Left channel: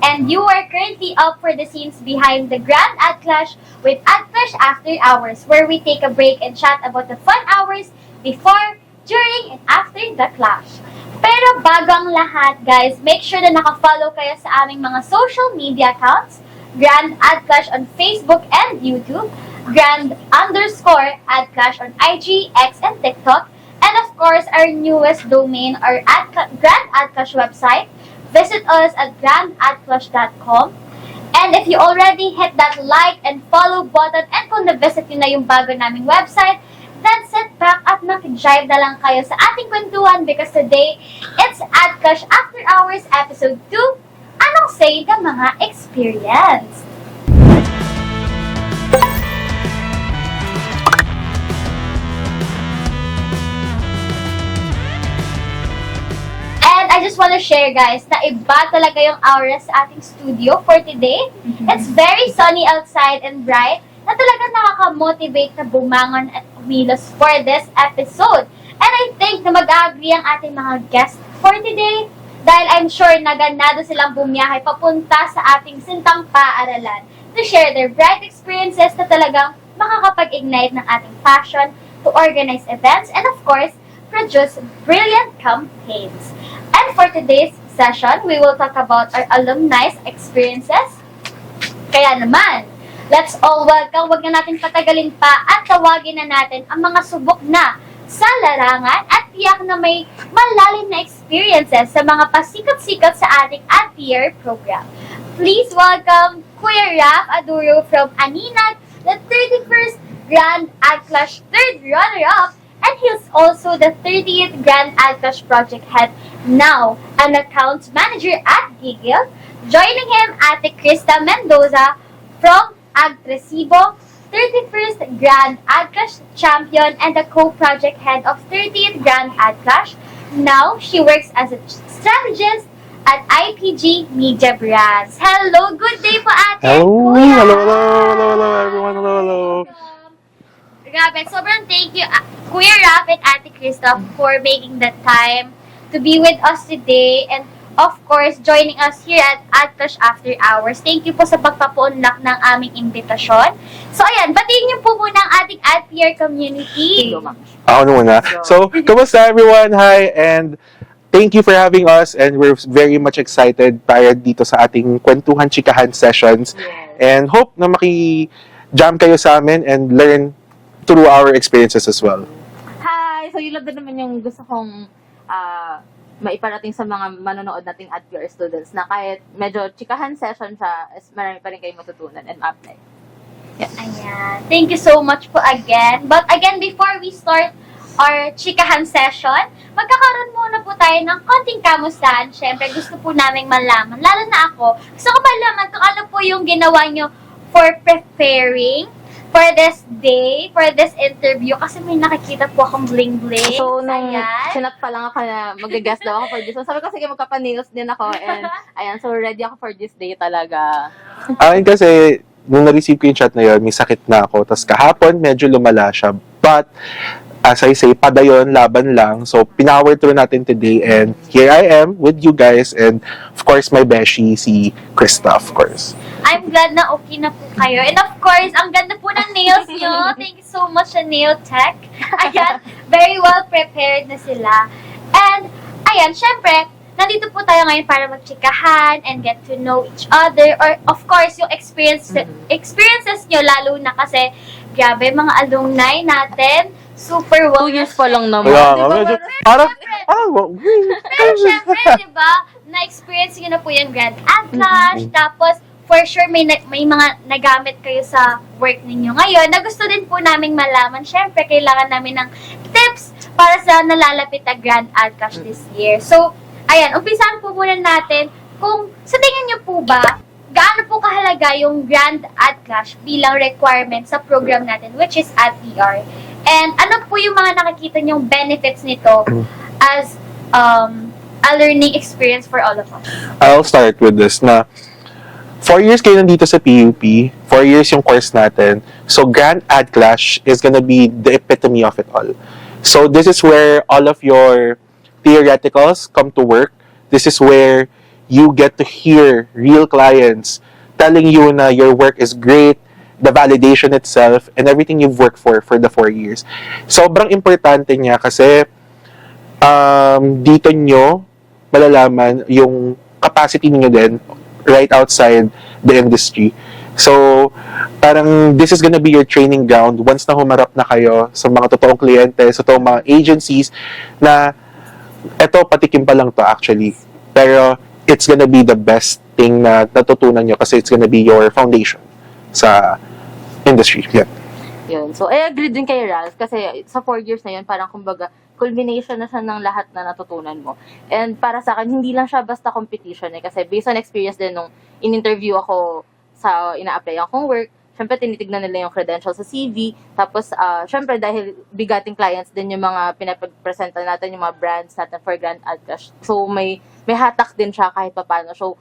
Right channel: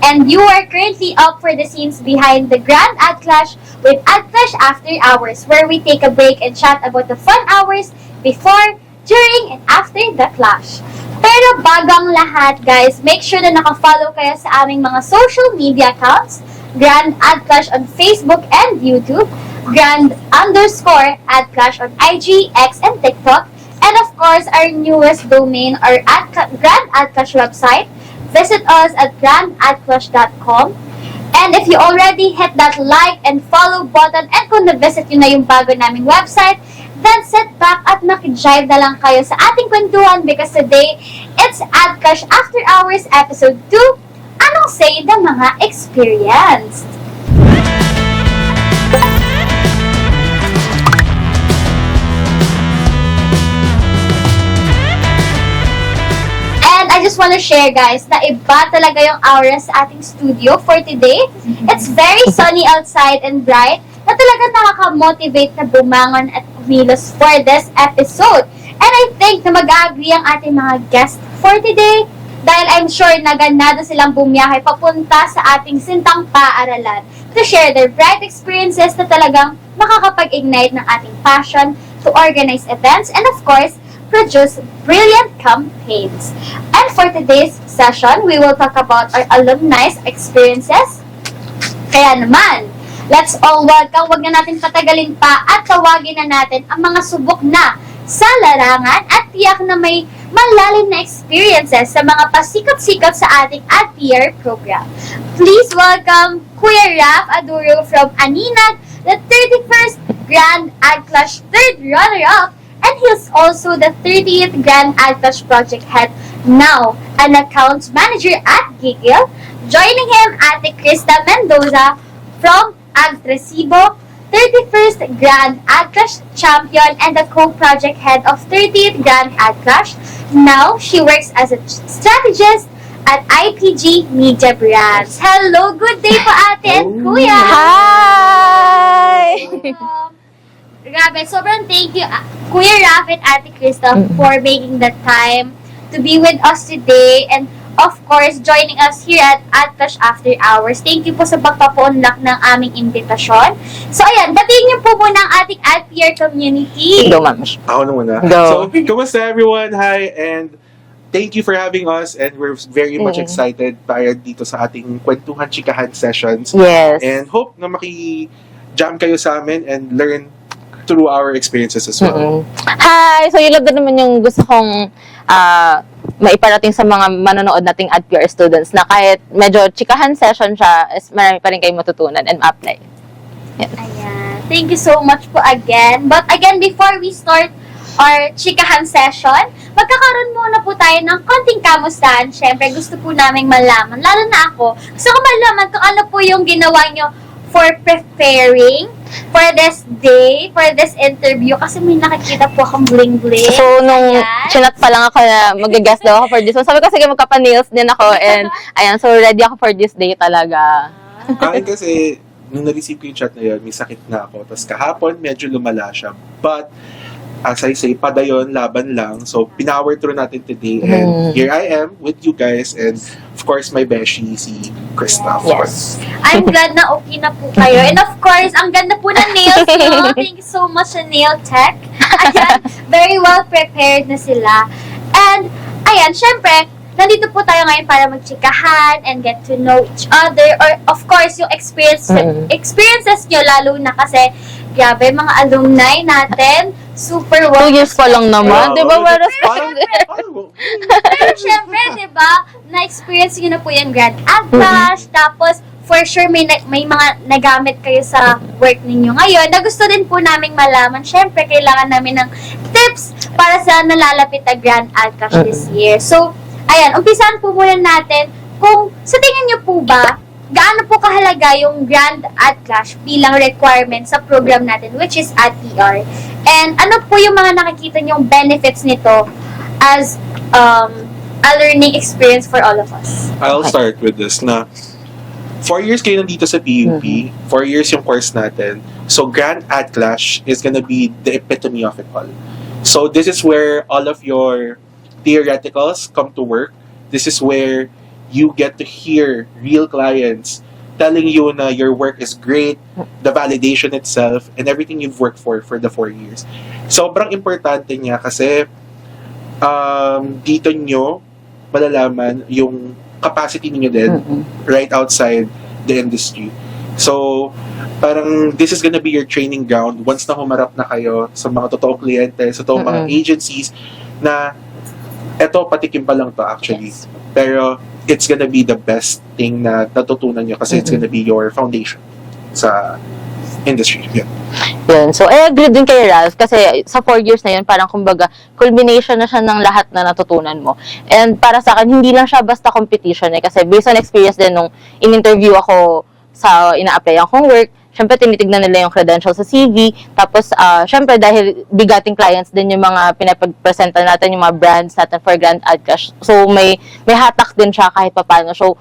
And you are currently up for the scenes behind the Grand Ad Clash with Ad Clash After Hours, where we take a break and chat about the fun hours before, during, and after the clash. Pero bago ang lahat, guys, make sure na nakafollow kayo sa aming mga social media accounts, Grand Ad Clash on Facebook and YouTube, Grand_Ad Clash on IG, X, and TikTok, and of course, our newest domain, our Grand Ad Clash website. Visit us at grandadclash.com. And if you already hit that like and follow button and kung na-visit nyo na yung bago naming website, then sit back at makijive na lang kayo sa ating kwentuhan because today, it's Ad Clash After Hours Episode 2, Anong Say ng Mga Experienced? I just want to share, guys, na iba talaga yung aura sa ating studio for today. It's very sunny outside and bright na talaga nakaka-motivate na bumangon at kumilos for this episode. And I think na mag-agree ang ating mga guests for today dahil I'm sure na ganado silang bumiyahe papunta sa ating sintang paaralan to share their bright experiences na talagang makakapag-ignite ng ating passion to organize events and of course, produce brilliant campaigns. And for today's session, we will talk about our alumni's experiences. Kaya naman, let's all welcome, wag na natin patagalin pa at tawagin na natin ang mga subok na sa larangan at tiyak na may malalim na experiences sa mga pasikat-sikat sa ating AdPR program. Please welcome Kuya Raf Aduro from Aninag, the 31st Grand Ad Clash 3rd runner-up, and he's also the 30th Grand Ad Clash project head, now an accounts manager at Gigil. Joining him, Ate Krista Mendoza from Agtresibo, 31st Grand Ad Clash champion and the co-project head of 30th Grand Ad Clash. Now, she works as a strategist at IPG Media Brands. Hello, good day po, Ate and Kuya! Hi! Grabe, sobrang thank you, Kuya Raf and Ate Krista, for making the time to be with us today and of course, joining us here at Ad Clash After Hours. Thank you po sa pagpapaunlak ng aming imbitasyon. So, ayan, batiin niyo po muna ang ating AdPR community. Go, ma'am. Ako na muna. Go. So, kamusta everyone? Hi, and thank you for having us and we're very much excited tayo dito sa ating Kwentuhan Chikahan sessions. Yes. And hope na maki-jam kayo sa amin and learn through our experiences as well. Hi! So, yun lang din naman yung gusto kong maiparating sa mga manonood nating AdPR students na kahit medyo chikahan session siya, is marami pa rin kayong matutunan and ma-apply. Ayan. Thank you so much po again. But again, before we start our chikahan session, magkakaroon muna po tayo ng konting kamustahan. Siyempre, gusto po naming malaman, lalo na ako, gusto ko malaman kung ano po yung ginawa nyo for preparing for this day, for this interview, kasi may nakikita po akong bling-bling. So, nung Ayan. chinat pa lang ako na mag-guest daw ako for this. So, sabi ko, sige, magkapa-nails din ako. And, ayan, so ready ako for this day talaga. Akin kasi, nung na-receive ko yung chat na yun, may sakit na ako. Tapos kahapon, medyo lumala siya. But, as I say, padayon, laban lang. So, pinower through natin today. And here I am with you guys. And, of course, my beshi, si Krista, of course. I'm glad na okay na po kayo. And of course, ang ganda po ng nails nyo. Thank you so much sa Nail Tech. Ayan, very well prepared na sila. And, ayan, syempre, nandito po tayo ngayon para magchikahan and get to know each other. Or, of course, yung experiences nyo, lalo na kasi, grabe, mga alumni natin, super 2 years pa lang naman. Di ba? Parang, Pero syempre, di ba, na-experience nyo na po yung Grand Ad Clash, tapos, for sure, may mga nagamit kayo sa work ninyo ngayon na gusto din po naming malaman. Syempre, kailangan namin ng tips para sa nalalapit na Grand Ad Clash this year. So, ayan, umpisahan po muna natin kung sa tingin nyo po ba, gaano po kahalaga yung Grand Ad Clash bilang requirement sa program natin, which is AdPR. And ano po yung mga nakikita nyong benefits nito as a learning experience for all of us? I'll start with this na 4 years kayo nandito sa PUP, 4 years yung course natin. So, Grand Ad Clash is gonna be the epitome of it all. So, this is where all of your theoreticals come to work. This is where you get to hear real clients telling you na your work is great, the validation itself, and everything you've worked for the 4 years. Sobrang importante niya kasi dito nyo malalaman yung capacity niyo din right outside the industry. So, parang this is gonna be your training ground once na humarap na kayo sa mga totoong kliyente, sa totoong mga agencies na eto, patikim pa lang to actually. Pero, it's gonna be the best thing na natutunan nyo kasi it's gonna be your foundation sa industry. Yeah. Yun. So, I agree din kay Ralph kasi sa 4 years na yun, parang kumbaga, culmination na siya ng lahat na natutunan mo. And para sa akin, hindi lang siya basta competition kasi based on experience din nung in-interview ako sa ina-apply akong work, syempre tinitignan nila yung credentials sa CV, tapos syempre dahil bigating clients din yung mga pinapag-presenta natin, yung mga brands natin for Grand Ad Cash. So may hatak din siya kahit papaano. So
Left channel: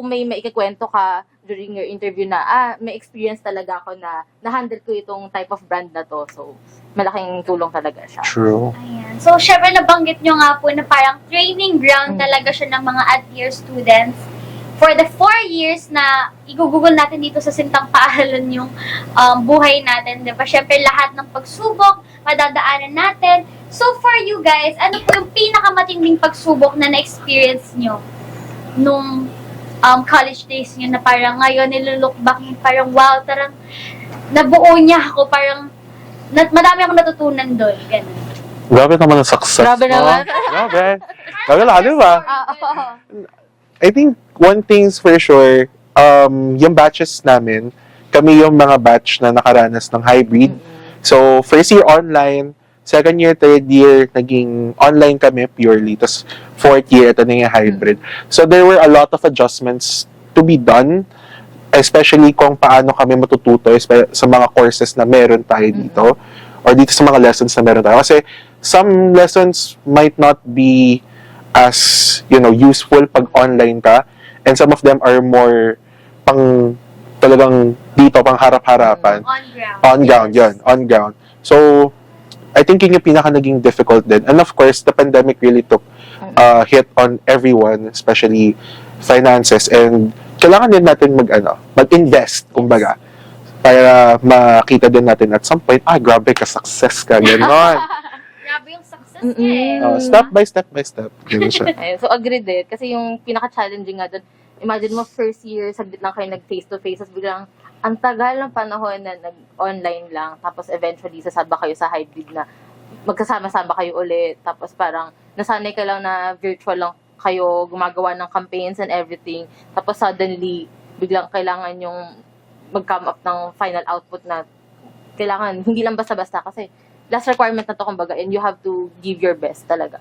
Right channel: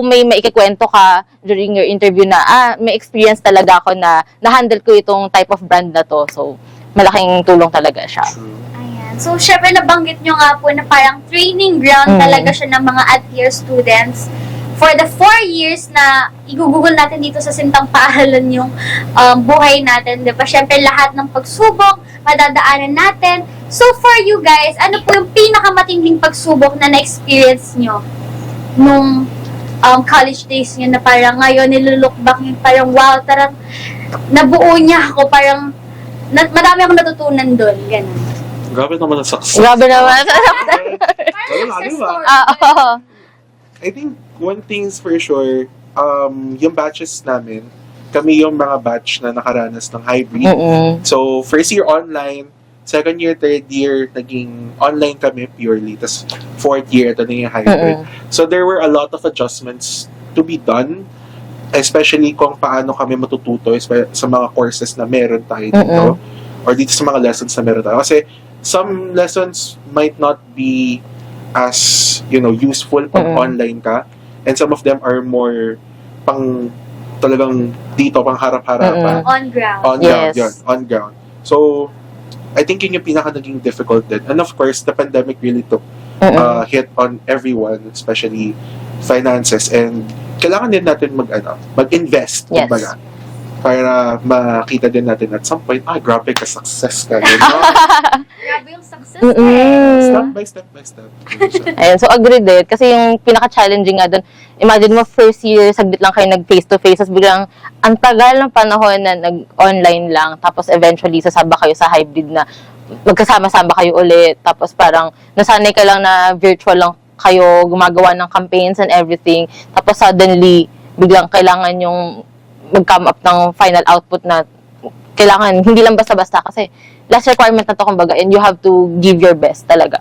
may maikikwento ka during your interview na may experience talaga ako na na-handle ko itong type of brand na to. So malaking tulong talaga siya. True. Ayan. So, syempre nabanggit nyo nga po na parang training ground talaga siya ng mga ad-year students. For the 4 years na igugugol natin dito sa Sintang Paaralan yung buhay natin, di ba? Syempre, lahat ng pagsubok, madadaanan natin. So, for you guys, ano po yung pinakamatinding pagsubok na na-experience nyo nung college days nyo na parang ngayon nilulook back yung parang wow, tarang nabuo niya ako, parang madami akong natutunan doon. Ganun. Grabe naman ang success. Grabe naman. Grabe. Grabe lang, di ba? I think one thing's for sure, yung batches namin, kami yung mga batch na nakaranas ng hybrid. So, first year online, second year, third year, naging online kami purely. Tapos, fourth year, ito na yung hybrid. So, there were a lot of adjustments to be done, especially kung paano kami matututo sa mga courses na meron tayo dito, or dito sa mga lessons na meron tayo. Kasi, some lessons might not be as useful pag online ka, and some of them are more pang talagang dito pang harap-harapan on ground yun, on ground. So I think yun yung pinaka naging difficult din, and of course the pandemic really took hit on everyone, especially finances, and kailangan din natin mag-invest kumbaga, para makita din natin at some point, grabe ka, success ka, gano'n. Grabe yung success Step by step. Yun siya. Ayun, so agree din. Kasi yung pinaka-challenging nga doon, imagine mo first year, saglit lang kayo nag-face-to-face, tapos biglang ang tagal ng panahon na nag-online lang, tapos eventually sasaba kayo sa hybrid na magkasama-sama kayo ulit, tapos parang nasanay ka lang na virtual lang kayo, gumagawa ng campaigns and everything, tapos suddenly, biglang kailangan yung mag-come up ng final output na kailangan, hindi lang basta-basta kasi last requirement na to kumbaga, and you have to give your best talaga.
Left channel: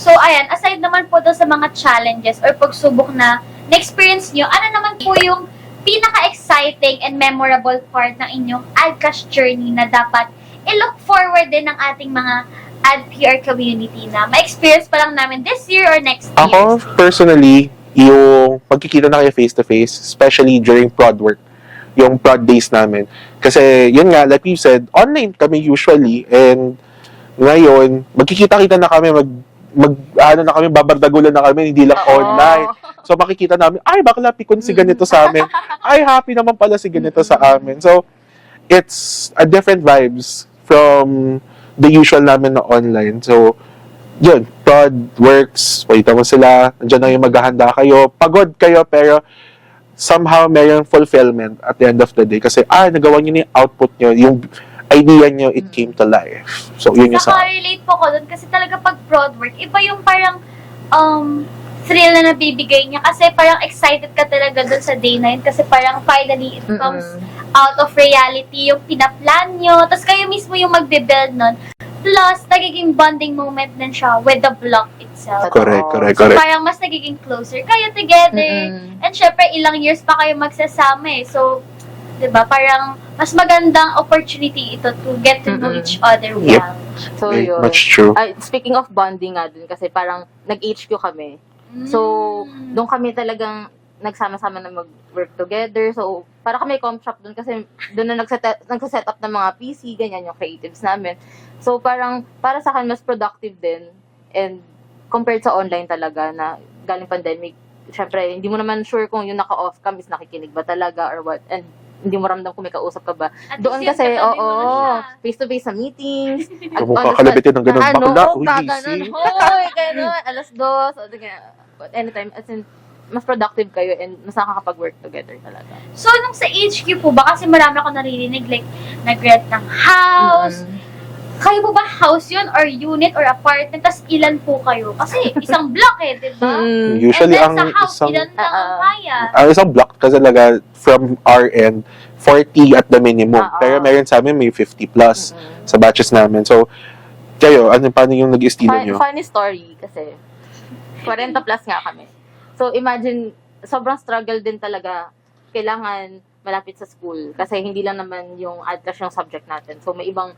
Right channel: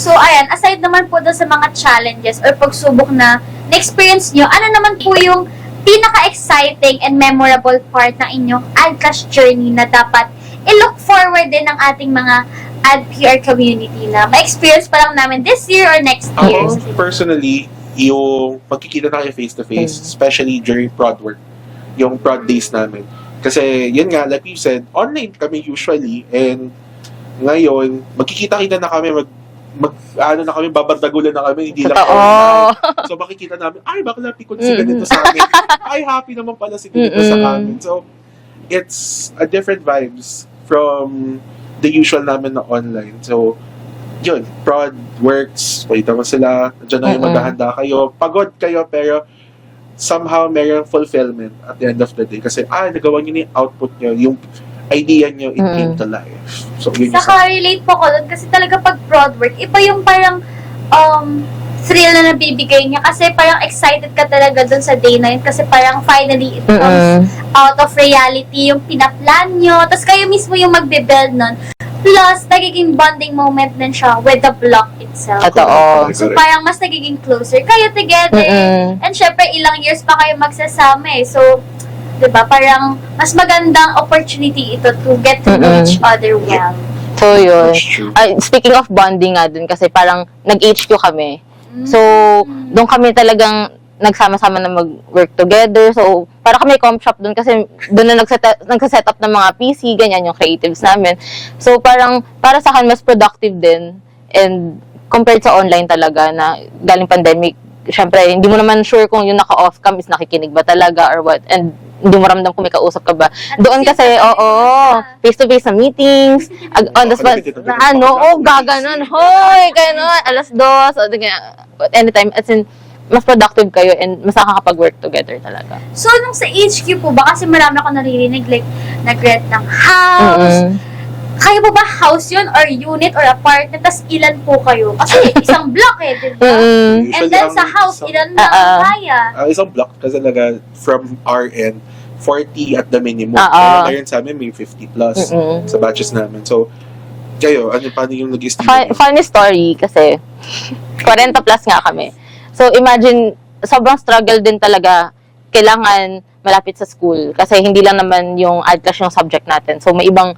So, ayan, aside naman po doon sa mga challenges or pagsubok na na-experience nyo, ano naman po yung pinaka-exciting and memorable part ng inyong AdCash journey na dapat i-look forward din ng ating mga AdPR community na ma-experience pa lang namin this year or next year? Ako, personally, yung pagkikita na kayo face-to-face, especially during prod work, yung prod days namin. Kasi, yun nga, like you said, online kami usually, and ngayon, magkikita-kita na kami, babandagulan na kami, hindi lang online. So, makikita namin, bakla, pikon si ganito sa amin. Happy naman pala si ganito sa amin. So, it's a different vibes from the usual namin na online. So, yun, prod works, wait mo sila, nandiyan na yung maghahanda kayo, pagod kayo, pero somehow mayroong fulfillment at the end of the day kasi nagawa nyo na yung output nyo, yung idea nyo, it came to life. So, yun yung Saka-relate po ko doon kasi talaga pag prod work, iba yung parang thrill na nabibigay niya kasi parang excited ka talaga doon sa day na yun kasi parang finally it comes out of reality, yung pinaplan nyo, tapos kayo mismo yung magbe-build nun. Plus, nagiging bonding moment din siya with the block itself. Correct. So, parang mas nagiging closer kayo together. And syempre, ilang years pa kayo magsasama So, diba, parang mas magandang opportunity ito to get to know each other well. So, yun. That's true. Speaking of bonding nga dun, kasi parang nag-HQ kami. So, doon kami talagang nagsama-sama na mag-work together. So, para kami comp shop doon kasi doon na nagsa-set up ng mga PC, ganyan yung creatives namin. So, parang para sa akin mas productive din and compared sa online talaga na galing pandemic, syempre, hindi mo naman sure kung yung naka-off cam is nakikinig ba talaga or what. And hindi mo ramdam kung may kausap ka ba. At Doon least kasi, yung katabi oo, mo na. face-to-face sa meetings, on the spot, Kakalabitin ng ganun, ano, bakla, oh, gaganon, busy. hoy, gano'n, 2:00, o di kaya, anytime, as in, mas productive kayo and mas nakakapag-work together talaga. So, nung sa HQ po ba, kasi marami ako naririnig, like, nag-rent ng house. Kayo po ba house yun, or unit, or apartment? Tapos ilan po kayo? Kasi isang block eh, di ba? And Usually, then ang sa house, isang, ilan na ang kaya? ang isang block kasi talaga from our end, 40 at the minimum. Pero ngayon sa amin may 50 plus sa batches namin. So, kayo, paano yung nag-estimate nyo? Funny story kasi 40 plus nga kami. So imagine, sobrang struggle din talaga. Kailangan malapit sa school kasi hindi lang naman yung AdClass yung subject natin. So may ibang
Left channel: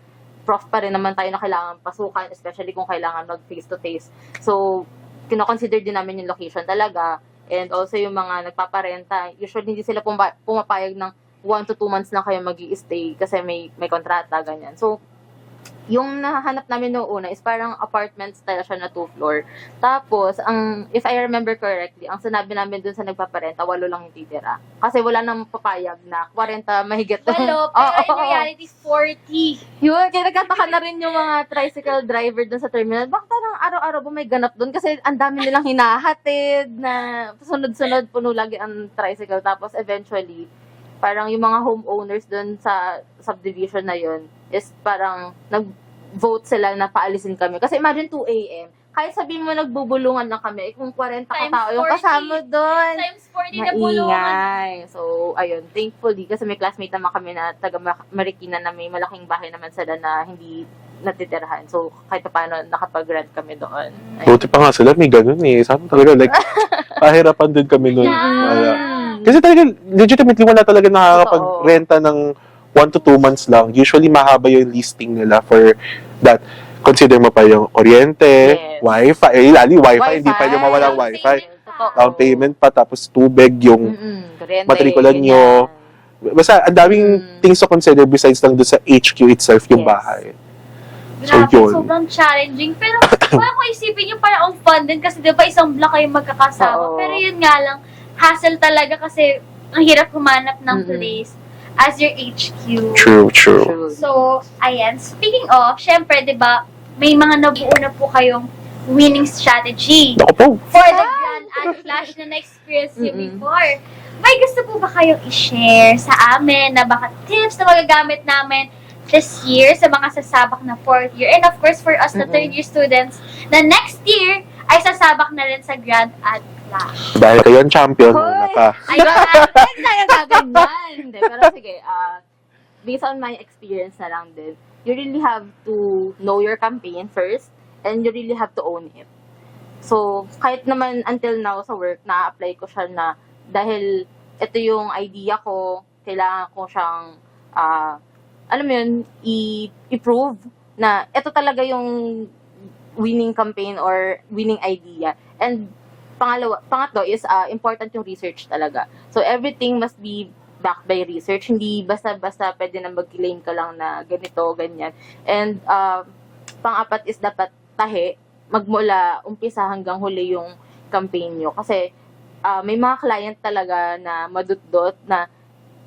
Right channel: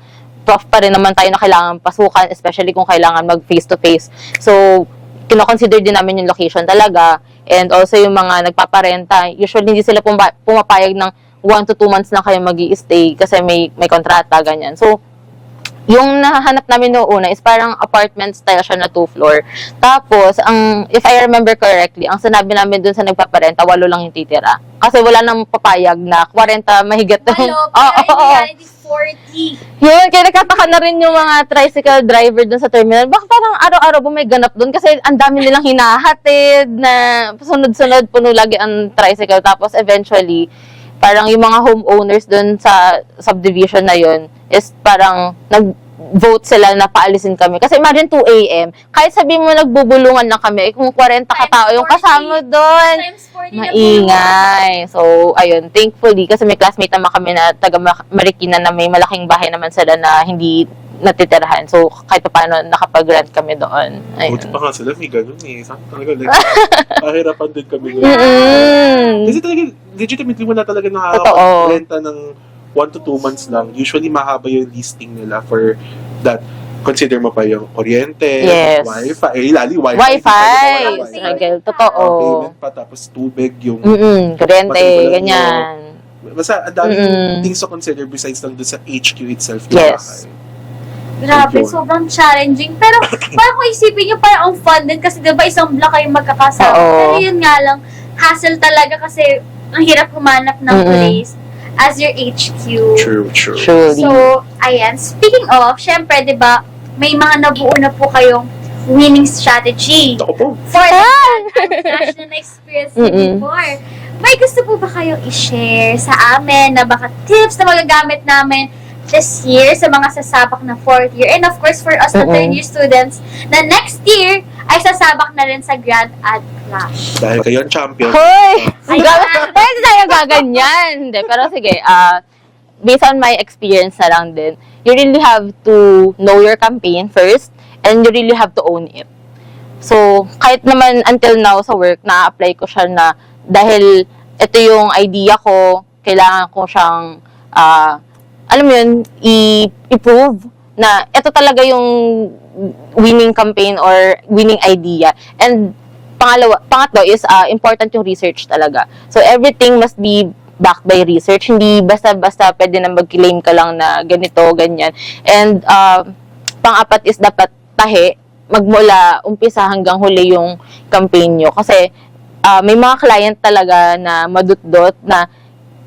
prof pa rin naman tayo na kailangan pasukan, especially kung kailangan mag face-to-face. So kino-consider din namin yung location talaga. And also yung mga nagpaparenta, usually hindi sila pumapayag ng 1 to 2 months na kayo mag-i-stay kasi may kontrata, ganyan. So yung nahanap namin noong una is parang apartment style siya na 2-floor. Tapos, if I remember correctly, ang sinabi namin dun sa nagpaparenta, 8 lang yung titira. Kasi wala nang papayag na 40 mahigit. Hello, pero in reality, 40. Yun, kaya nakataka na rin yung mga tricycle driver dun sa terminal. Baka parang araw-araw ba may ganap dun? Kasi ang dami nilang hinahatid na sunod-sunod, puno lagi ang tricycle. Tapos eventually, parang yung mga homeowners dun sa subdivision na yun is parang nag-vote sila na paalisin kami. Kasi imagine 2 a.m., kahit sabihin mo nagbubulungan lang kami, kung 40 katao yung kasama doon, Times 40 na maingay. So, ayun, thankfully, kasi may classmate naman kami na taga Marikina na may malaking bahay naman sila na hindi natitirahan. So, kahit pa paano nakapag-rent kami doon. Ayun. Buti pa nga sila, may ganun eh. Sabi talaga, like, pahirapan din kami. Kasi talaga, legitimately, wala talaga nakakapag-renta ng 1 to 2 months lang. Usually, mahaba yung listing nila for that. Consider mo pa yung kuryente, Yes. wifi, lali wifi, hindi pa yung mawala wifi. Sige, totoo. Ang payment pa, tapos tubig, yung Kuryente, matrikulan nyo. ganyan. Basta, ang daming things to consider besides lang doon sa HQ itself, yung Yes. bahay. Grabe, So, yun. sobrang challenging. Pero, parang kung isipin nyo, parang ang fun din kasi diba isang block kayo magkakasama. Oo. Pero yun nga lang, hassle talaga kasi ang hirap humanap ng place as your HQ. True. Truly. So, ayan. Speaking of, syempre, di ba, may mga nabuo na po kayong winning strategy Ako po. for the flash na na-experience niyo before. May gusto po ba kayong i-share sa amin na baka tips na magagamit namin this year sa mga sasabak na 4th year? And of course, for us na 3rd year students, na next year ay sasabak na rin sa Grand Ad Clash. Dahil kayo ang champion. Hoy! Ayan. Pwede tayo gaganyan. Hindi, pero sige, based on my experience na lang din, you really have to know your campaign first, and you really have to own it. So, kahit naman until now sa work, na-apply ko siya na dahil ito yung idea ko, kailangan ko siyang, alam mo yun, i-prove na ito talaga yung winning campaign or winning idea. And pangatlo is important yung research talaga. So everything must be backed by research. Hindi basta-basta pwede na mag-claim ka lang na ganito, ganyan. And pang-apat is dapat tahi, magmula umpisa hanggang huli yung campaign nyo. Kasi may mga client talaga na madutdot na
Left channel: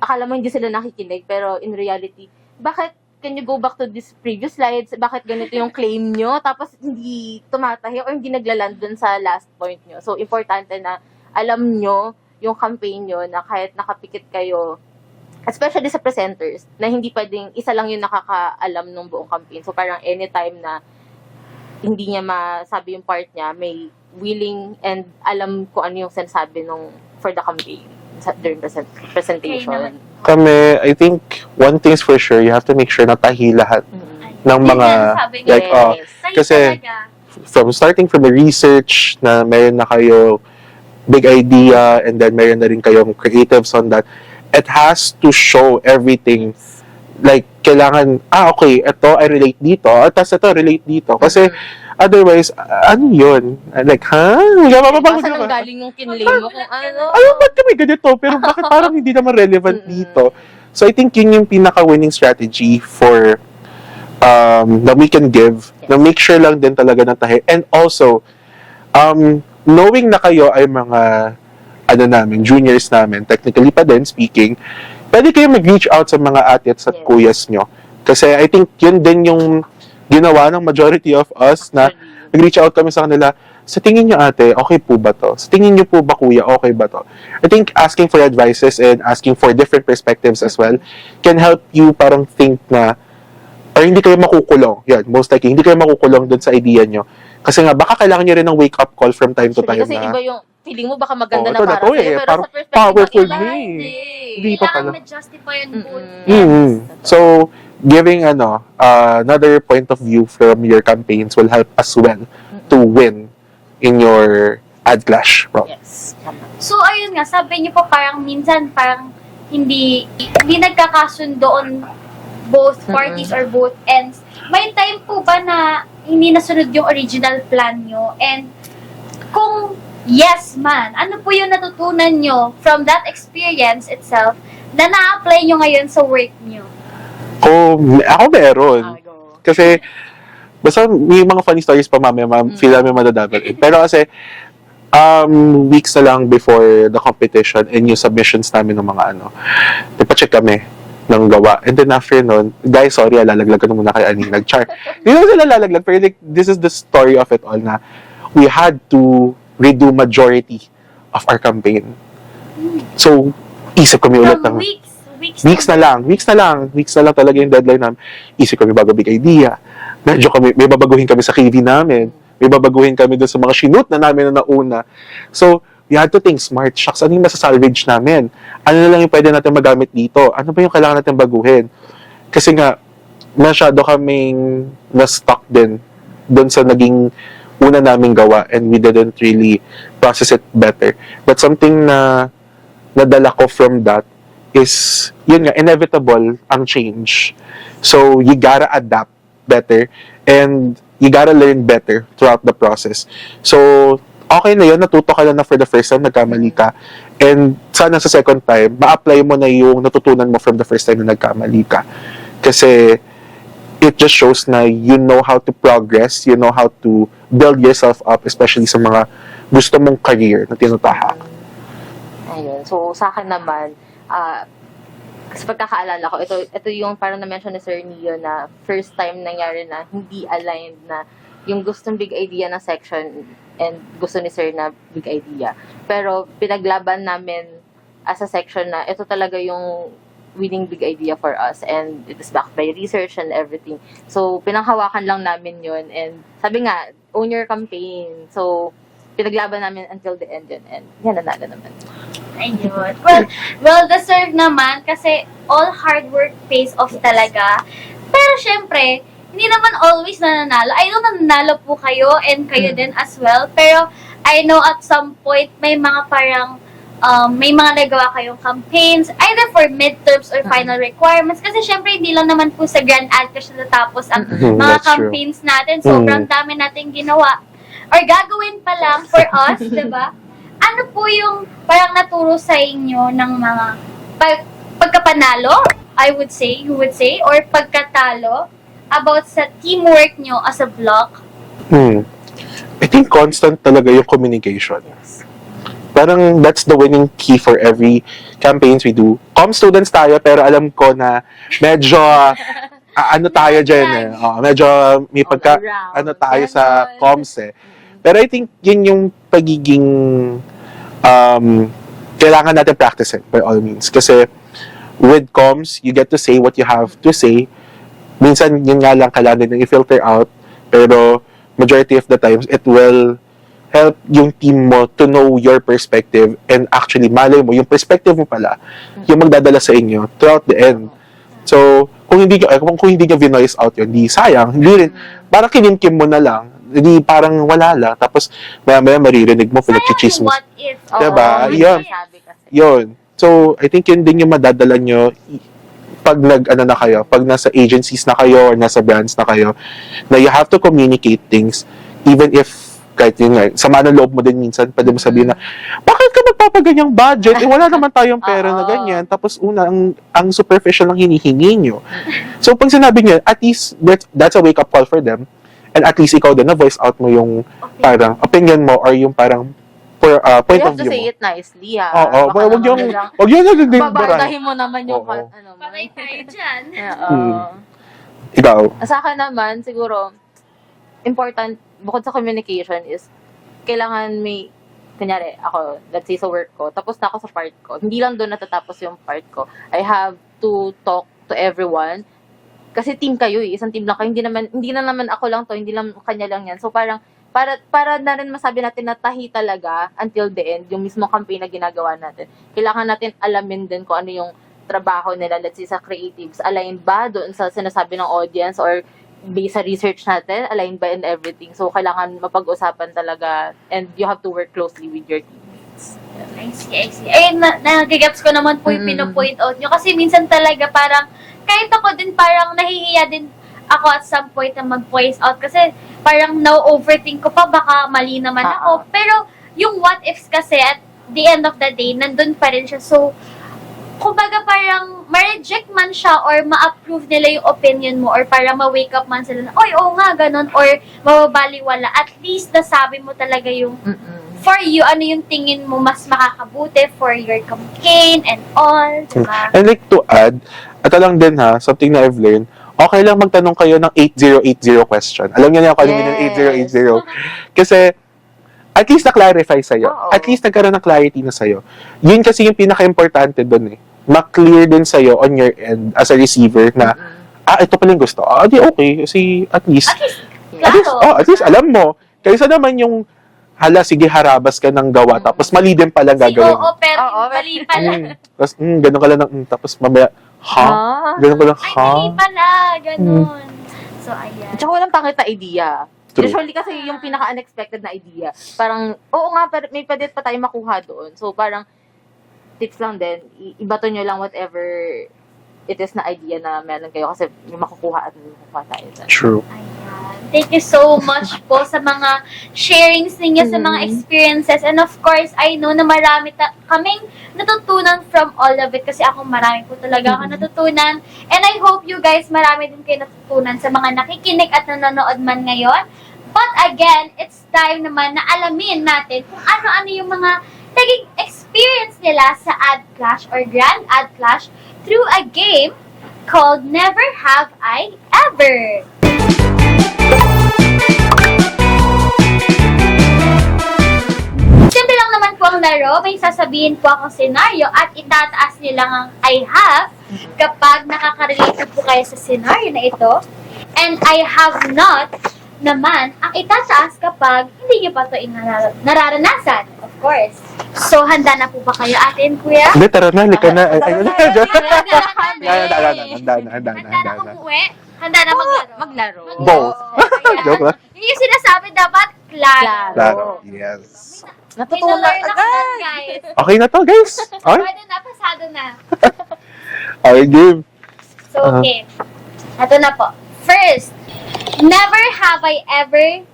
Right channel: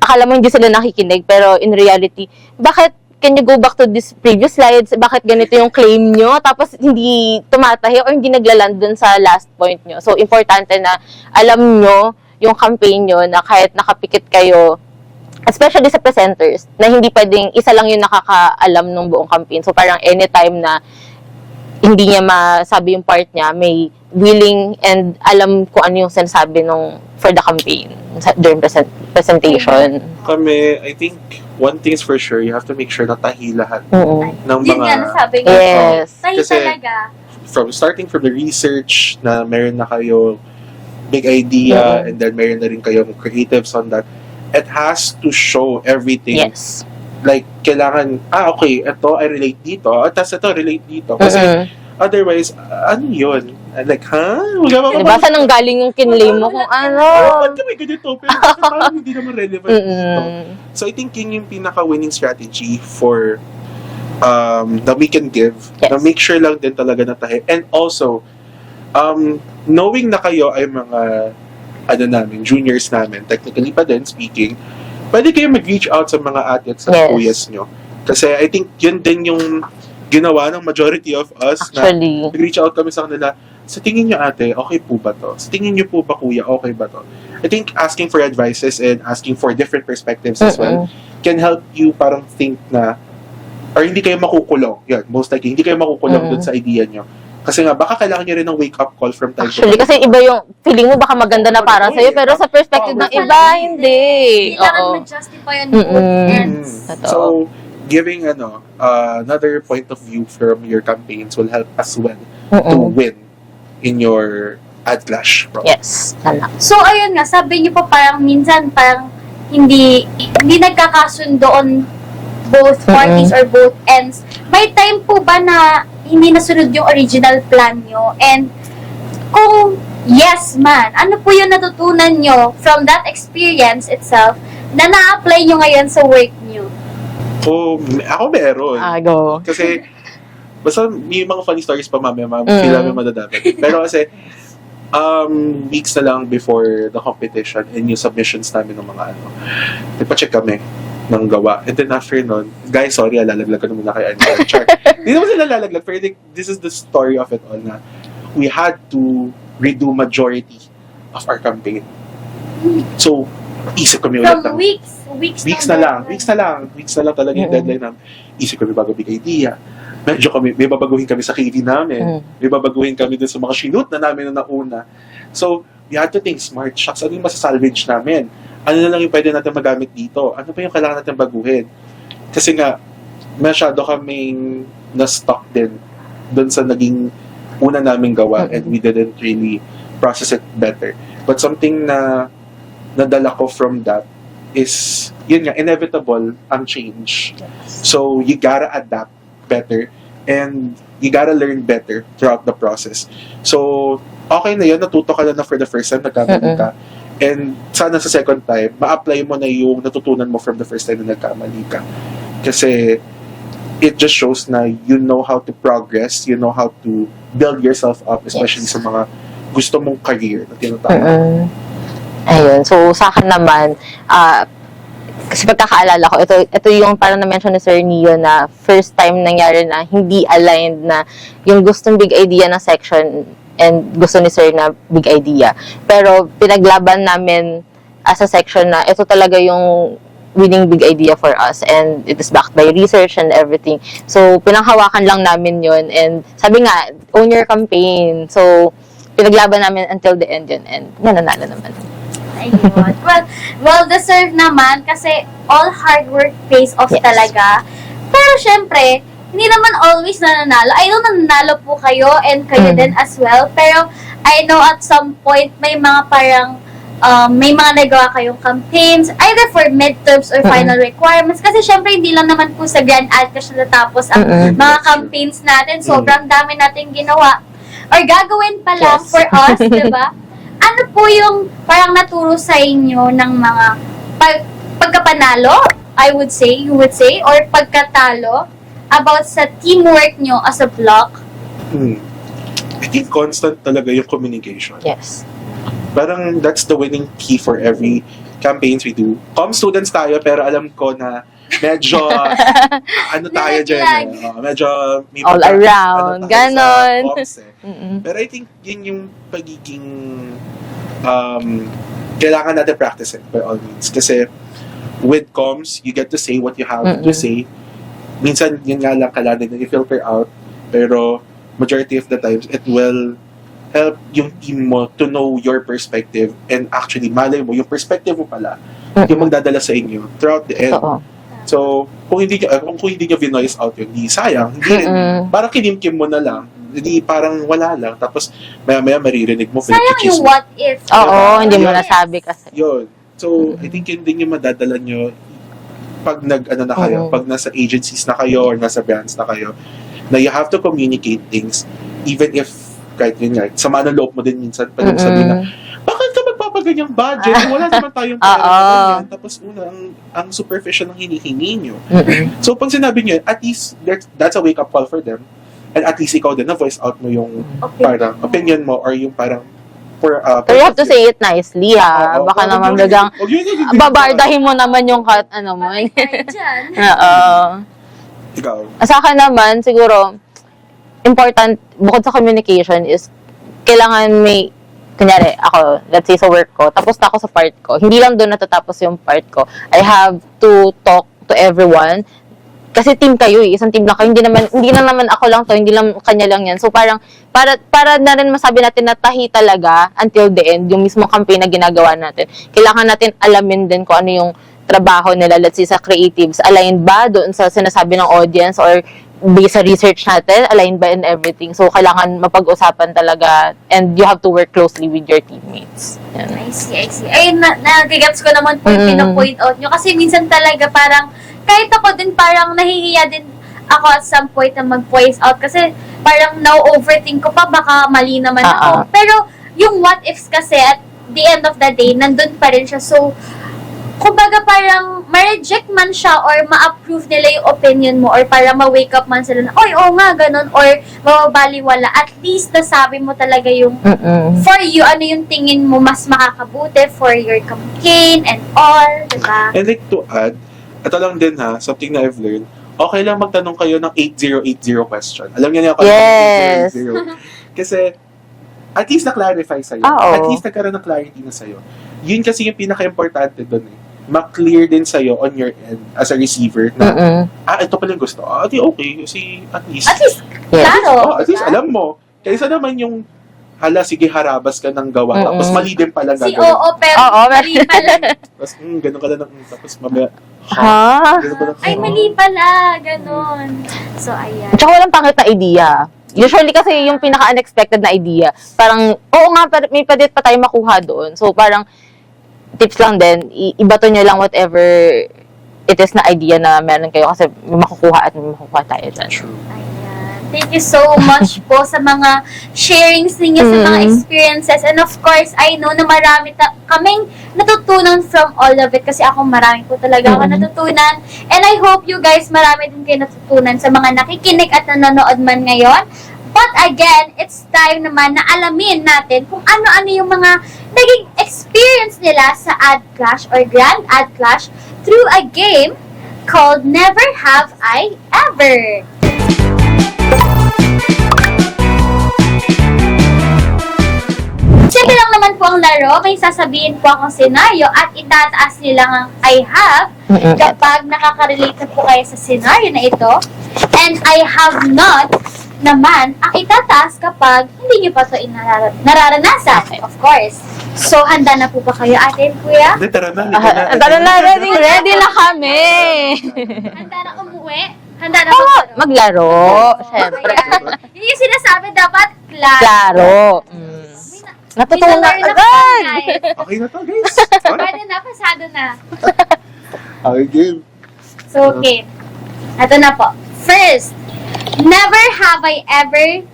akala mo hindi sila nakikinig, pero in reality, bakit can you go back to this previous slides? Bakit ganito yung claim nyo? Tapos hindi tumatahi or hindi naglaland dun sa last point nyo. So, importante na alam nyo yung campaign nyo na kahit nakapikit kayo, especially sa presenters, na hindi pwedeng isa lang yung nakakaalam ng buong campaign. So, parang anytime na hindi niya masabi yung part niya, may willing and alam kung ano yung sinasabi for the campaign during presentation. Kami, I think, one thing's for sure, you have to make sure na tahi lahat ng Yun mga... nga nasabi ko. Yes. Tahi Kasi, talaga. starting from the research na meron na kayo big idea and then meron na rin kayong creatives on that, it has to show everything. Yes. Like, kailangan, okay, ito I relate dito, at tas ito relate dito. Kasi, otherwise, ano yun? Like, Diba saan nang galing yung kinlay mo kung ano? ba't kami ganito? Pero bakit parang hindi naman relevant dito? So, I think yun yung pinaka-winning strategy for na we can give. Yes. Na make sure lang din talaga na tayo. And also, knowing na kayo ay mga juniors namin, technically pa din speaking, pwede kayo mag-reach out sa mga ate at sa Yes. kuyas nyo. Kasi I think yun din yung ginawa ng majority of us Actually. na nag-reach out kami sa kanila. Sa tingin nyo ate, okay po ba to? Sa tingin nyo po ba kuya, okay ba to? I think asking for advices and asking for different perspectives as well can help you parang think na parang hindi kayo makukulong. Yan, most likely, hindi kayo makukulong dun sa idea nyo. Kasi nga, baka kailangan nyo rin ng wake-up call from time to Actually, time. kasi na, iba yung feeling mo baka maganda Oo, na para totoo sa'yo, eh. pero sa Parang perspective ng powerful iba, din. hindi. Kailangan Oo. ma-justify on both ends. Totoo. So, giving another point of view from your campaigns will help as well to win in your ad clash. Bro. Yes, tama. So, ayun nga, sabi niyo pa parang minsan parang hindi nagkakasundo on both parties or both ends. May time po ba na hindi nasunod yung original plan nyo? And kung yes man, ano po yung natutunan nyo from that experience itself na na-apply nyo ngayon sa work nyo? Ako meron. Go. Kasi, basta may mga funny stories pa mamaya, sila may madadamit. Pero kasi, weeks na lang before the competition and yung submissions namin ng mga ipacheck kami ng gawa. And then after nun, guys, sorry, lalaglagan muna kay Anil. Char. Hindi naman sila lalaglag, pero like, this is the story of it all na we had to redo majority of our campaign. So, isip kami ulit From ng weeks na lang talaga yung deadline namin. Isip kami bago big idea. May babaguhin kami sa KV namin. May babaguhin kami dun sa mga shoot na namin na nauna. So, we had to think smart. Shucks, ano yung masasalvage namin? Ano na lang yung pwede natin magamit dito? Ano ba yung kailangan natin baguhin? Kasi nga, masyado kaming na-stuck din dun sa naging una naming gawa and we didn't really process it better. But something na nadala ko from that is, yun nga, inevitable ang change. So, you gotta adapt better and you gotta learn better throughout the process. So, okay na yun, natuto ka lang na for the first time, nagkamali ka. And sana sa second time, ma-apply mo na yung natutunan mo from the first time na nagkamali ka. Kasi, it just shows na you know how to progress, you know how to build yourself up, especially sa mga gusto mong career na tinatawag. Ayun. So, sa akin naman, kasi pagkakaalala ko, ito yung parang na-mention ni Sir Neo na first time nangyari na hindi aligned na yung gustong big idea na section and gusto ni Sir na big idea. Pero pinaglaban namin as a section na ito talaga yung winning big idea for us and it is backed by research and everything. So, pinanghawakan lang namin yun and sabi nga, own your campaign. So, pinaglaban namin until the end yun and nananalo naman. Ayun. Well-deserved naman kasi all hard work pays off talaga. Pero syempre, hindi naman always nananalo. I know nananalo po kayo and kayo din as well. Pero I know at some point may mga parang may mga nagawa kayong campaigns either for midterms or final requirements. Kasi syempre hindi lang naman po sa Grand Ad kasi natapos ang mga That's campaigns natin. Sobrang dami nating ginawa. Or gagawin pa lang for us, diba? Ano po yung parang naturo sa inyo ng mga pagkapanalo, you would say, or pagkatalo about sa teamwork nyo as a block? I think constant talaga yung communication. Yes. Parang that's the winning key for every campaigns we do. Students tayo, pero alam ko na medyo tayo dyan medyo may All around, tayo ganon. sa comms Pero I think yun yung pagiging kailangan natin practice it by all means. Kasi with comms, you get to say what you have to say. Minsan, yun nga lang kailangan din i-filter out. Pero majority of the times, it will help yung team mo to know your perspective and actually malay mo, yung perspective mo pala, yung magdadala sa inyo throughout the end. So, kung hindi nyo vinoice out yun, di sayang. Hindi, parang kinimkim mo na lang. Hindi parang wala lang. Tapos, maya maririnig mo, Sayang pinag-cheese yung mo. what if. Oo, hindi mo Yun. nasabi kasi. Yun. So, I think yun din yung madadala nyo pag na kayo, pag nasa agencies na kayo or nasa brands na kayo, na you have to communicate things even if kahit yun nga, sama ng loob mo din minsan pag mo sabihin na, bakit ka magpapaganyang budget? Wala naman tayong pera na ganyan. Tapos ang superficial lang hinihingi nyo. So pag sinabi nyo, at least that's a wake-up call for them. And at least ikaw din, na-voice out mo yung parang opinion mo or yung parang Pero point you have of to view. say it nicely, ha? Baka naman gagang Huwag yun na babardahin mo naman yung ano mo. Tayo dyan. Oo. Ikaw. Sa akin naman, siguro, important, bukod sa communication, is kailangan may, kunyari, ako, let's say sa work ko, tapos na ako sa part ko. Hindi lang doon natatapos yung part ko. I have to talk to everyone. Kasi team kayo eh, isang team lang kayo. Hindi na naman ako lang to, hindi lang kanya lang yan. So parang, para na rin masabi natin na tahi talaga until the end, yung mismo campaign na ginagawa natin. Kailangan natin alamin din kung ano yung trabaho nila, let's say sa creatives, aligned ba doon sa sinasabi ng audience or based sa research natin, aligned ba in everything. So kailangan mapag-usapan talaga and you have to work closely with your teammates. Yan. I see. Ay, nagigets ko naman po yung pino-point out nyo. Kasi minsan talaga parang, kahit ako din parang nahihiya din ako at some point na mag-voice out. Kasi parang now-overthink ko pa, baka mali naman ako. Pero yung what ifs kasi at the end of the day, nandun pa rin siya. So, kumbaga parang ma-reject man siya or ma-approve nila yung opinion mo or para ma-wake up man sila na, oy, oo nga, ganun, or mababaliwala. At least nasabi mo talaga yung for you, ano yung tingin mo mas makakabuti for your campaign and all, diba? And like to add, ito lang din ha, something na I've learned, okay lang magtanong kayo ng 8080 question. Alam niyo na ako Yes. ng 8080. Kasi, at least na-clarify sa'yo. Oo. At least nagkaroon ng clarity na sa'yo. Yun kasi yung pinaka-importante doon eh. Ma-clear din sa'yo on your end as a receiver na, ito pala yung gusto. Di okay. Kasi at least, At least, Yes. klaro. at least alam mo. Kaysa naman yung, hala, sige, harabas ka ng gawa. Tapos mali din pala Si gagawin. oo, pero Oo, mali pala. Tapos, ganun ka lang. Tapos mamaya, ganun ka lang. Ay, mali pala. Ganon. So, ayan. Tsaka walang pangit na idea. Usually kasi yung pinaka-unexpected na idea, parang, oo nga, may pwede pa tayo makuha doon. So parang, tips lang din, ibato nyo lang whatever it is na idea na meron kayo kasi may makukuha at may makukuha tayo dyan. True. Ayan. Thank you so much po sa mga sharings ninyo, sa mga experiences. And of course, I know na marami kaming natutunan from all of it kasi ako marami po talaga ako natutunan. And I hope you guys marami din kayo natutunan sa mga nakikinig at nanonood man ngayon. But again, it's time naman na alamin natin kung ano-ano yung mga naging experience nila sa Ad Clash or Grand Ad Clash through a game called Never Have I Ever. Simple lang naman po ang laro. May sasabihin po akong senaryo at itataas nila ang I have kapag nakaka-relate po kayo sa senaryo na ito. And I have not naman ang itataas kapag hindi nyo pa ito nararanasan, of course. So, handa na po ba kayo, ate and kuya? Hindi, tara na. Tara na, ready na kami. Handa na umuwi? Handa na Maglaro. Joke lang. Yun yung sinasabi dapat, klaro. Klaro. Yes. Natutunan Minalearn na agad. kami, guys. Okay na to, guys. Okay, Pwede na, pasado na. okay game. So, okay. Ito na po. First, never have I ever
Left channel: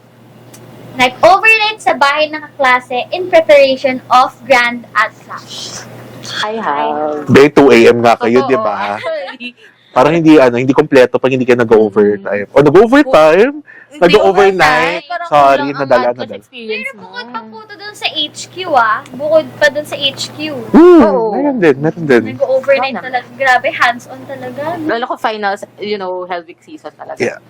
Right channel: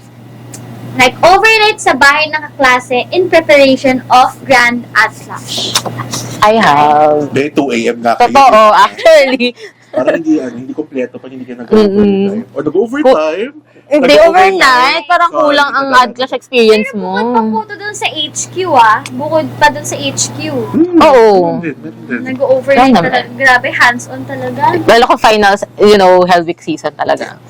overnight sa bahay ng kaklase in preparation of Grand Ad Clash. I have. Day 2 a.m. nga kayo, di Totoo, ba? actually. Parang hindi kompleto pag hindi ka nag-overtime. O nag-overtime? Hindi overnight. Parang Sorry, kulang ang nadala Ad Clash na. experience Pero mo. bukod pa po to dun sa HQ Bukod pa dun sa HQ. Oo. Meron din. Nag-overnight Yan naman. talaga. Grabe, hands-on talaga. Lalo ko finals, Hell Week season talaga. Yeah.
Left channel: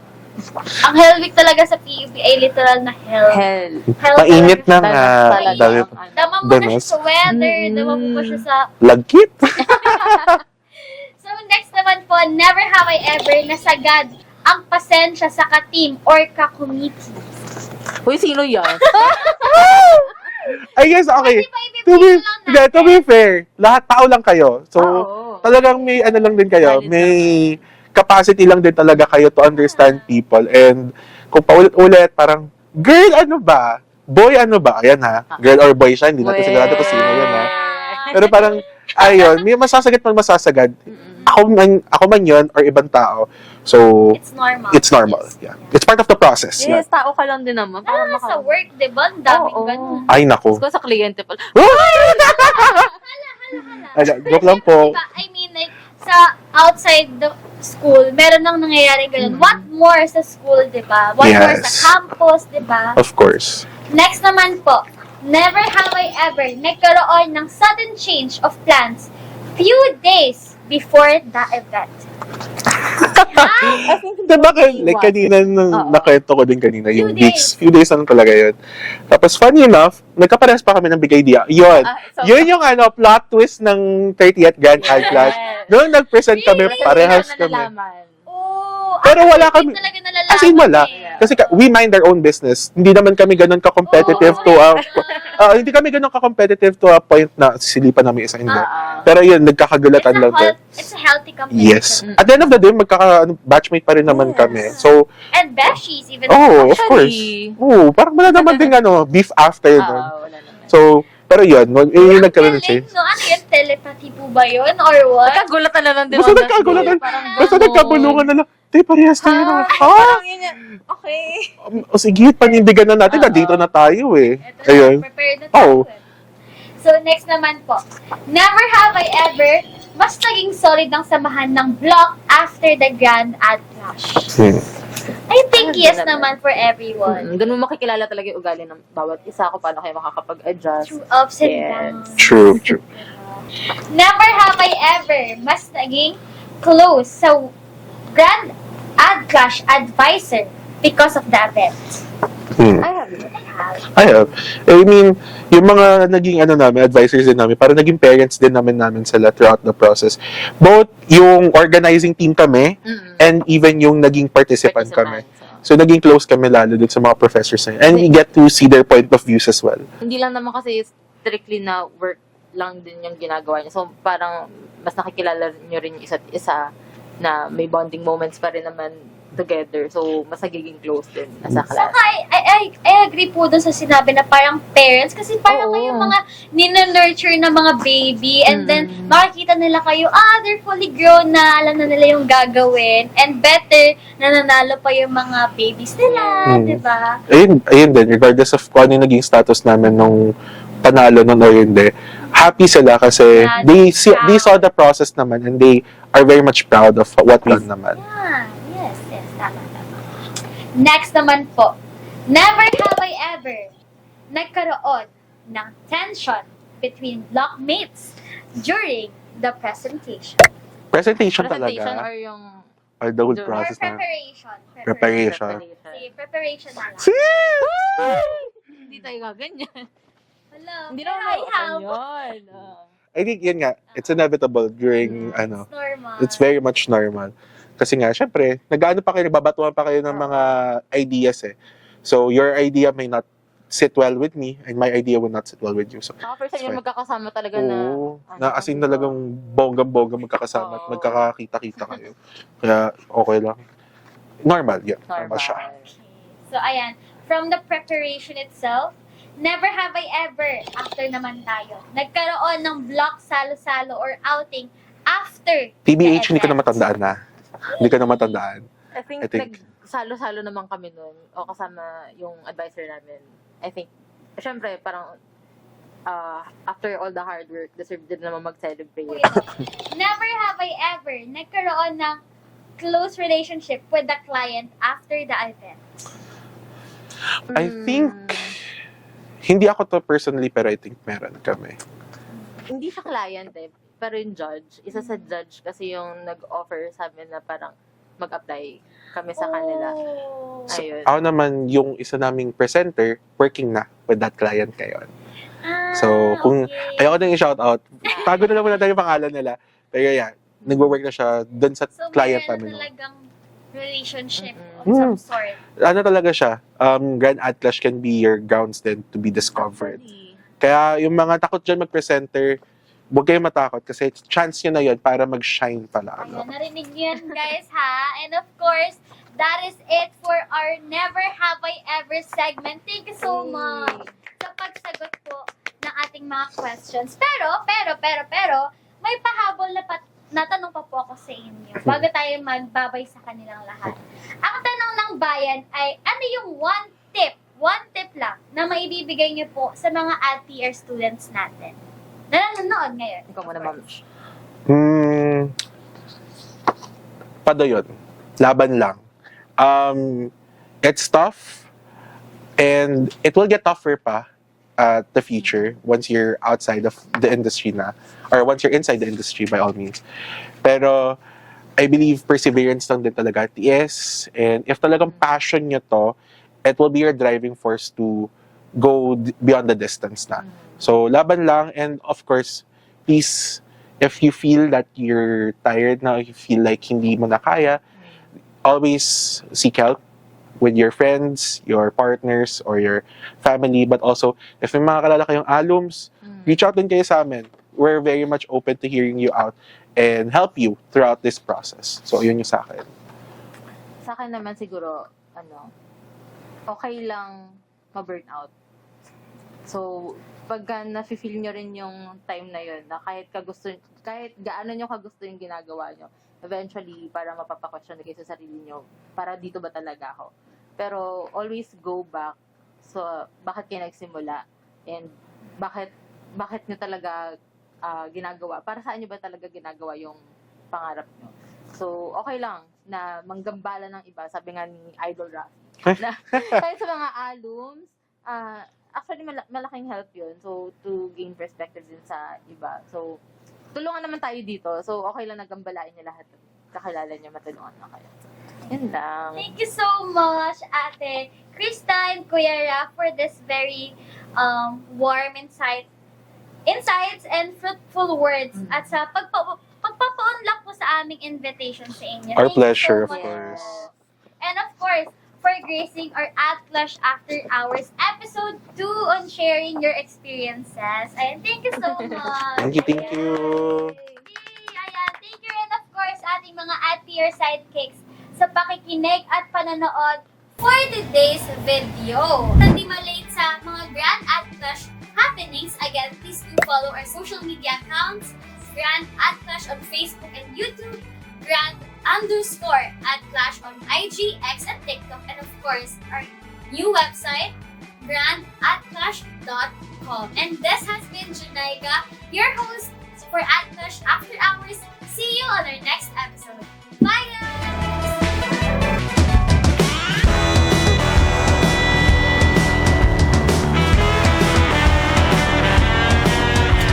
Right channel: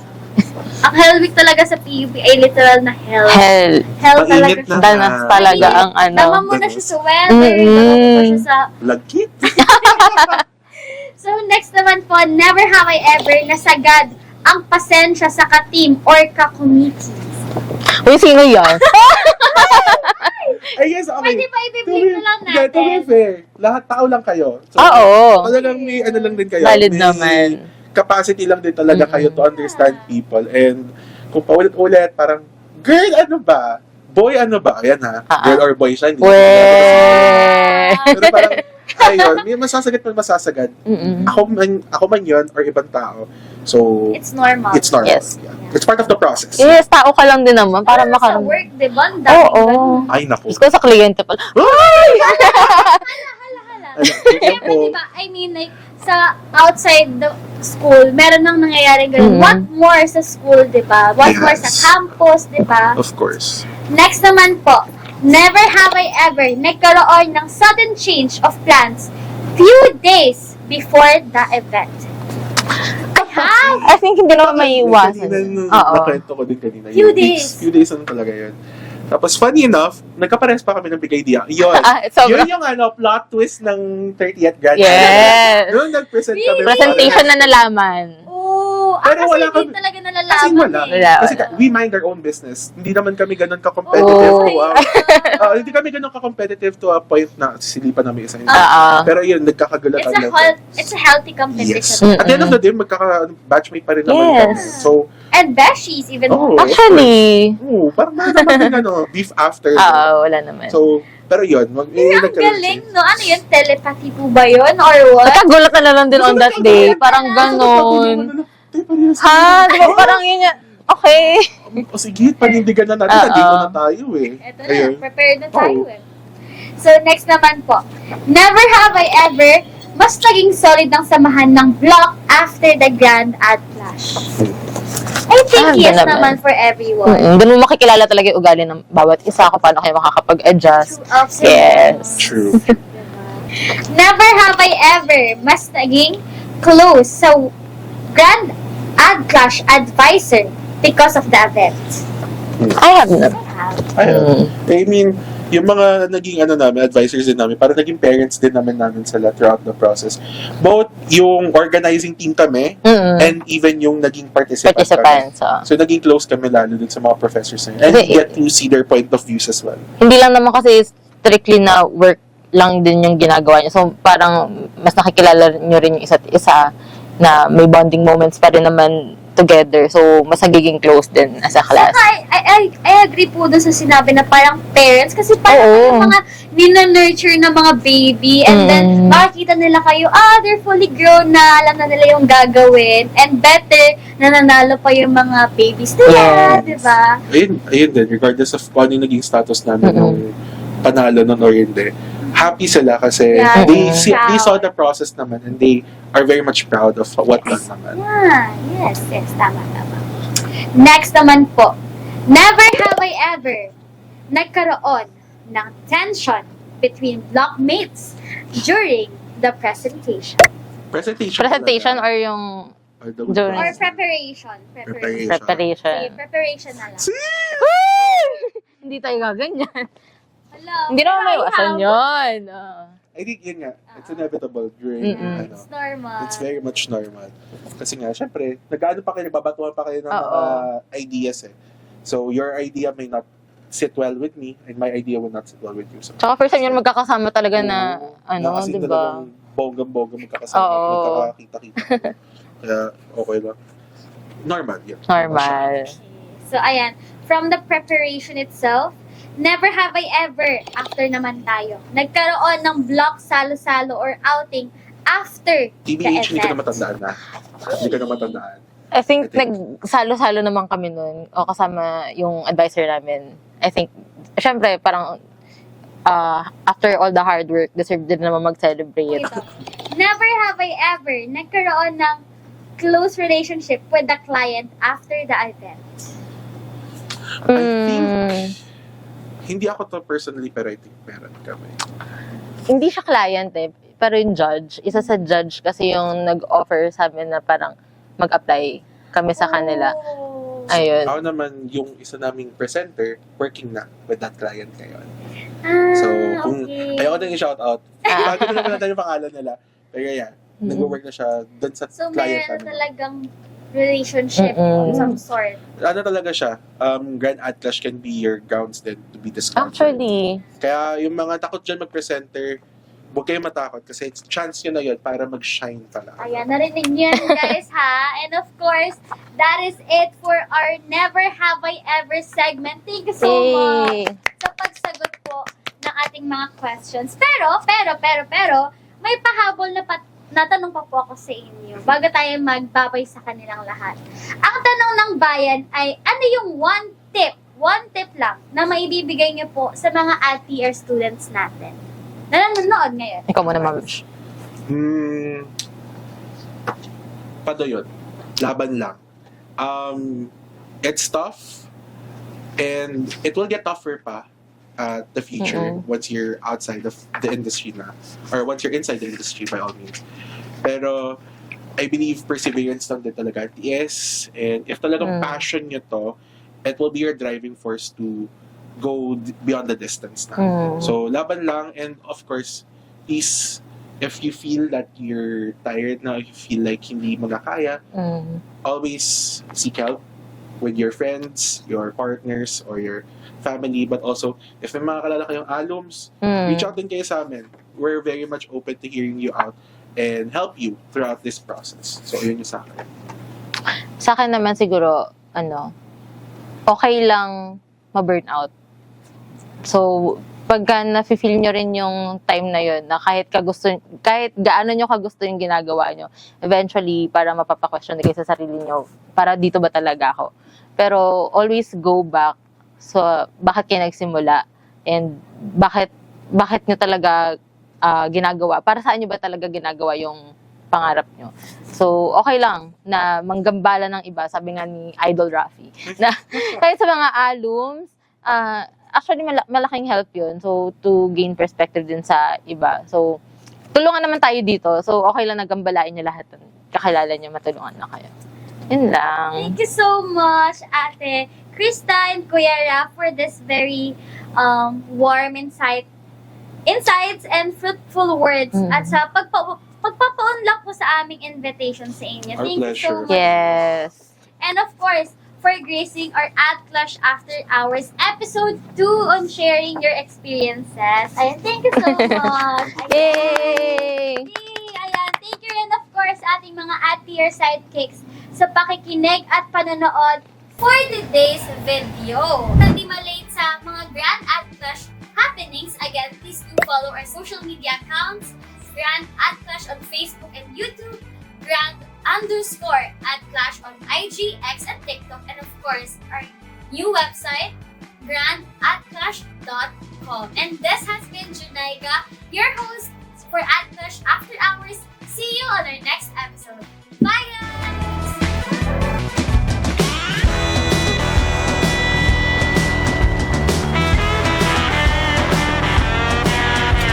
Ang Hell Week talaga sa PUP ay literal na hell. Hell. Hell Mainit talaga. na Danas nga. talaga Mainit. ang ano. Dama mo na siya sa weather. Dama mo pa siya sa... Lagkit. So, next naman po, never have I ever nasagad ang pasensya sa ka-team or ka-committee. Uy, sino yan? I guess, okay. Pwede ba ibibigay lang natin? To be fair, lahat tao lang kayo. So, Oo. talagang may ano lang din kayo. Valid may naman. capacity lang din talaga kayo to understand people. And kung paulit-ulit, parang, girl, ano ba? Boy, ano ba? Ayan ha. Girl or boy siya. Hindi ko sigurado kasi pero parang, ayun, may masasagad man masasagad. Ako man yun or ibang tao. So, It's normal. it's normal. Yes. Yeah. It's part of the process. Yes, tao ka lang din naman. Para Parang sa maka... work, di ba? Ang daming Oo. ganun. Ay, naku. Gusto ko sa kliyente pala. Uy! Ano, joke lang po. Pero diba, I mean, like, sa outside school, meron nang nangyayaring ganun. Mm. What more sa school, di ba? What more sa Yes. campus, di ba? Of course. Next naman po, never have I ever nagkaroon ng sudden change of plans few days before the event. I think hindi naman may Like, kanina, Oo. nakwento ko din kanina, Few yung weeks. days. Few days lang talaga yun. Tapos, funny enough, nagkaparehas pa kami ng big idea. Yun. Yun yung plot twist ng 30th Grand Yes. Alliance. Noong nag-present kami, Presentation parehas na kami. nalaman. Oh, Pero kasi wala hindi kami- talaga nalalaman As in, wala. Wala. Kasi we mind our own business. Hindi naman kami ganun ka-competitive Oh, to hindi kami ganun ka-competitive to a point na sisilipan namin isa hindi. Oo. Pero yun, nagkakagulatan lang. It's a healthy competition. Yes. At the end of the day, batchmate pa rin naman Yes. kami. So, And besties, even oh, of course. Actually, Parang wala naman din beef after. no? wala naman. So, pero yun, Ang nagkaroon galing, siya. no? Ano yun? Telepathy po ba yun? Or what? Nagkagulat na lang din Basta on that day. nagkagulat. Parang Basta nagkabulungan gano'n. na lang. Te, parehas tayo. Ha? Di ba parang yun yan? Okay. O sige, panindigan na natin. Oo. Nandito na tayo eh. Ito Ayun. na, prepared na tayo. Oh. eh. So, next naman po. Never have I ever mas naging solid ang samahan ng block after the grand ad clash. I think Doon yes naman. naman for everyone. Doon mo makikilala talaga yung ugali ng bawat isa kung paano kayo makakapag-adjust. True ups and Yes. downs. True. Never have I ever mas naging close sa grand ad clash advisor because of the event. I have na. Ayun. I mean, yung mga naging advisors din namin, para naging parents din namin sila throughout the process. Both yung organizing team kami, and even yung naging participant kami. Participants. So, naging close kami lalo dun sa mga professors na yun. And we get to see their point of views as well. Hindi lang naman kasi strictly na work lang din yung ginagawa niyo. So, parang mas nakikilala nyo rin yung isa't isa na may bonding moments pa rin naman together. So, mas nagiging close din as a class. Saka, I agree po dun sa sinabi na parang parents kasi parang Oo. yung mga nina-nurture na mga baby and then makikita nila kayo, they're fully grown na, alam na nila yung gagawin and better na nanalo pa yung mga babies nila, Yes. di ba? Ayun din, regardless of kung ano yung naging status namin nung panalo nun or hindi, happy sila kasi Yeah, they proud. saw the process naman and they are very much proud of what we've done naman. Yeah, yes, tama. Next naman po, never have I ever nagkaroon ng tension between blockmates during the presentation. Presentation Presentation talaga. or yung Or the whole during- Or process na. preparation. Preparation. preparation. Sige, preparation na lang. Hindi tayo gaganyan. Hello. Hindi naman may iwasan habol. yun. I think yun nga, it's inevitable during It's normal. it's very much normal. Kasi nga, syempre, nag-ano pa kayo, nagbabatuan pa kayo ng Oo. mga ideas eh. So, your idea may not sit well with me and my idea will not sit well with you. So, Tsaka first time yun magkakasama talaga na, oo, ano, na as in diba? talagang bongga-bongga magkakasama at Oo. magkakakita-kita kayo. Kaya, okay lang. Normal, yeah. Normal. So, ayan. From the preparation itself, never have I ever, after naman tayo, nagkaroon ng block salo-salo or outing after TBH, the hindi ko na event. matandaan na. Hindi ko na matandaan. I think, I think- nagsalo-salo naman kami nun o kasama yung advisor namin. I think, syempre, parang after all the hard work, deserve din naman mag-celebrate. Ito. Never have I ever nagkaroon ng close relationship with the client after the event. I think, hindi ako to personally, pero I think meron kami. Hindi siya client eh, pero yung judge. Isa sa judge kasi yung nag-offer sa amin na parang mag-apply kami sa kanila. Oh. Ayun. Ako naman, yung isa naming presenter, working na with that client ngayon. So, kung ayoko din i-shoutout, bago na naman natin yung pangalan nila. Pero yeah, nagwo-work na siya dun sa So, client meron na namin. talagang relationship Mm-mm. of some sort. Ano talaga siya, Grand Atlas can be your grounds then to be discovered. Actually, Kaya yung mga takot dyan mag-presenter, huwag kayong matakot kasi chance nyo na yun para mag-shine pala. Ayan, narinig niyo yan, guys, ha? And of course, that is it for our Never Have I Ever segment. Thank you so much yay! sa pagsagot po ng ating mga questions. Pero, may pahabol na tanong pa po ako sa inyo bago tayo magbabay sa kanilang lahat. Ang tanong ng bayan ay, ano yung one tip lang na maibibigay niyo po sa mga ATR students natin na nanonood ngayon? Ikaw muna, ma'am. padayon. Laban lang. It's tough, and it will get tougher pa at the future once you're outside of the industry na, or once you're inside the industry by all means. Pero I believe perseverance lang din talaga, tiis, and if talagang passion nyo to, it will be your driving force to go beyond the distance na. So laban lang, and of course, please, if you feel that you're tired na, if you feel like hindi mo na kaya, always seek help with your friends, your partners, or your family. But also, if may mga kalala kayong alums, reach out din kayo sa amin. We're very much open to hearing you out and help you throughout this process. So, yun yung sa akin. Sa akin naman siguro, okay lang ma-burnout. So, pagka na-feel nyo rin yung time na yun, na kahit gaano nyo kagusto yung ginagawa nyo, eventually, para mapapa-question kayo sa sarili nyo, para dito ba talaga ako? Pero always go back. So, bakit kayo nagsimula? And bakit nyo talaga ginagawa? Para saan nyo ba talaga ginagawa yung pangarap nyo? So, okay lang na manggambala ng iba, sabi nga ni Idol Rafi. Na, kahit sa mga alums, actually, malaking help yun. So, to gain perspective din sa iba. So, tulungan naman tayo dito. So, okay lang nagambalain nyo lahat. Kakilala nyo, matulungan na kayo. Yun lang. Thank you so much, Ate Krista and Kuya Raf, for this very warm insights and fruitful words. At sa pagpapa-unlock po sa aming invitation sa inyo. Our Thank pleasure. you so much. Yes. And of course, for gracing our At Clash After Hours episode 2 on sharing your experiences. Ayan, thank you so much. Thank you. Yay! Yay! Ayan, thank you rin of course ating mga at-tier sidekicks sa pakikinig at panonood for today's video. Hindi malate sa mga Grand At Clash happenings, again, please do follow our social media accounts, Grand At Clash on Facebook and YouTube, Grand_At_Clash on IG, X, and TikTok, and of course, our new website, grandatclash.com. And this has been Junaiga, your host for At Clash After Hours. See you on our next episode.